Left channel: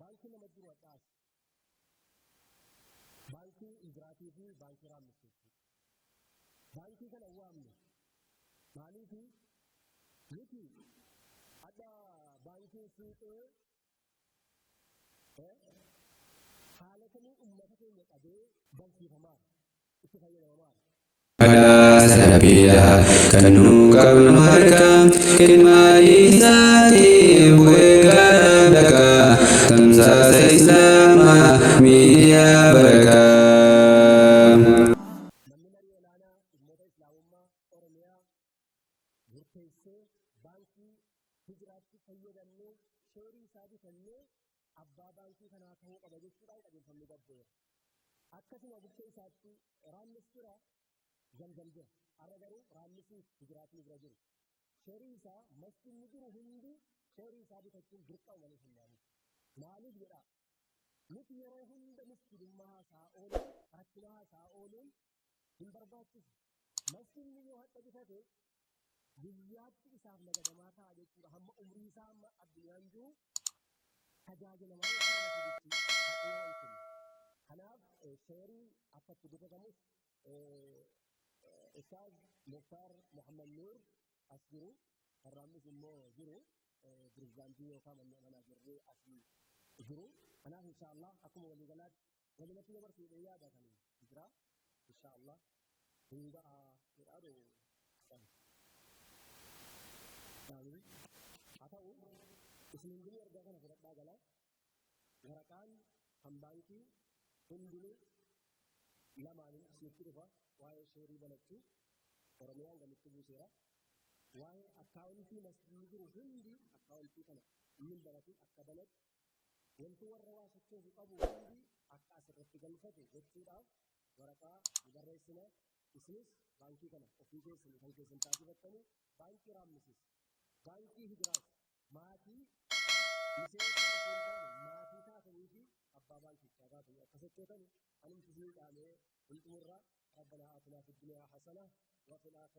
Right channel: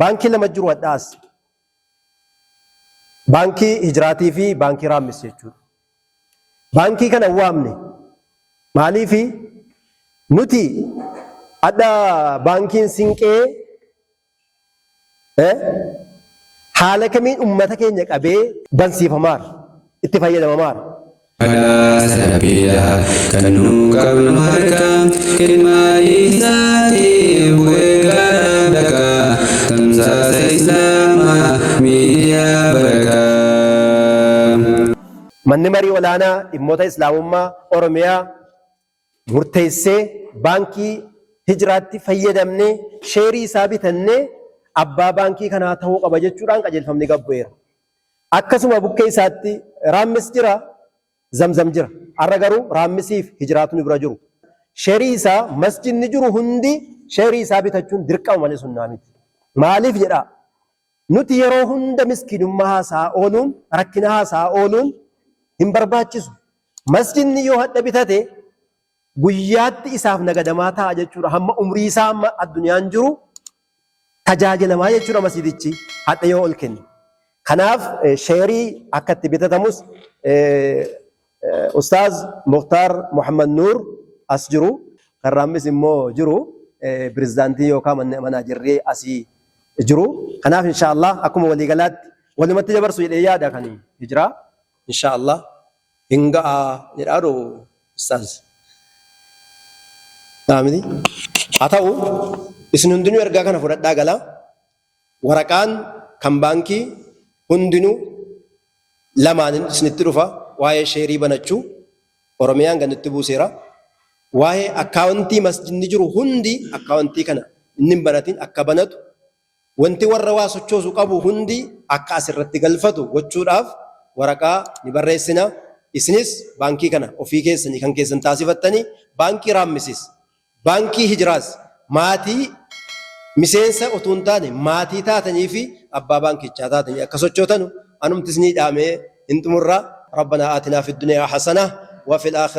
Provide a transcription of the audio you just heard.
baankii lama jiru addaas. Baankii hijraatii fi baankii raammis jechuudha. Baankii kana waamne maaliifi nuti adda baankiin Sinqee haala kamiin ummata keenya qabee bansiifamaar itti fayyadamamaar. Sabila kanu qabnu harka ilmaa isaatiif weegaa dhaqa tamsaasa islaamaa miidiyaa barakaa. Manni marii olaanaa dhimmoota islaamummaa Oromiyaa murteessee baankii hijraatti fayyadamnee sheerii isaa bitannee abbaa baankii kanaa ta'uu qaba jechuudhaan qajeelfamni gabbu'eera. Akkasuma bukkee isaatti raammis jira, zamzam jira. Har'a garuu raammisiif hijraatu bira jiru. Sheerii isaa masjidni jiru hundi sheerii isaa bitachuun dirqama malee sunnaa miti. Maaliif jedhaa? Nuti yeroo hunda miskiinummaa haasaa ooluun, rakkina haasaa ooluun hin barbaachisu. Masjidni yoo hadha bitate guyyaatti isaaf nagadamaa ta'a jechuudha. Hamma umrii isaa hamma addunyaan jiru tajaajilamaa jechuudha masjidichi hadha yoo ol kenne. Kanaaf sheerii akka itti bitatamus Ustaaz Mukhtaar Muhammad Nuur as jiru, kan raammis immoo jiru, pirezidaantii yookaan manaajarree asii jiru. Kanaaf inshaallah akkuma waliigalaatti walumatti dabarsu jedhee yaada kan hijiraa inshaallah hin ga'a jedhaadhu Ustaaz. Naamni haa ta'u isin hundinuu ergaa kana fudhadhaa gala. Waraqaan kan baankii hundinuu lamaanin isinitti dhufa. Waa'ee sheerii banachuu Oromiyaan gannitti buuseera. Waa'ee akkaawuntii masjidni jiru hundi akkaawuntii kana inni banatiin akka banatu, wanti warra waa sochoosu qabu hundi akka asirratti galfatu gochuudhaaf waraqaa ni barreessina. Isinis baankii kana ofii keessanii kan keessan taasifattanii baankii raammisis, baankii hijiraas maatii miseensa utuu hin taane maatii taatanii fi abbaa baankichaa taatanii akka sochootanu anumtis ni dhaamee hin xumurraa. ربنا آتنا في الدنيا حسنة وفي الآخرة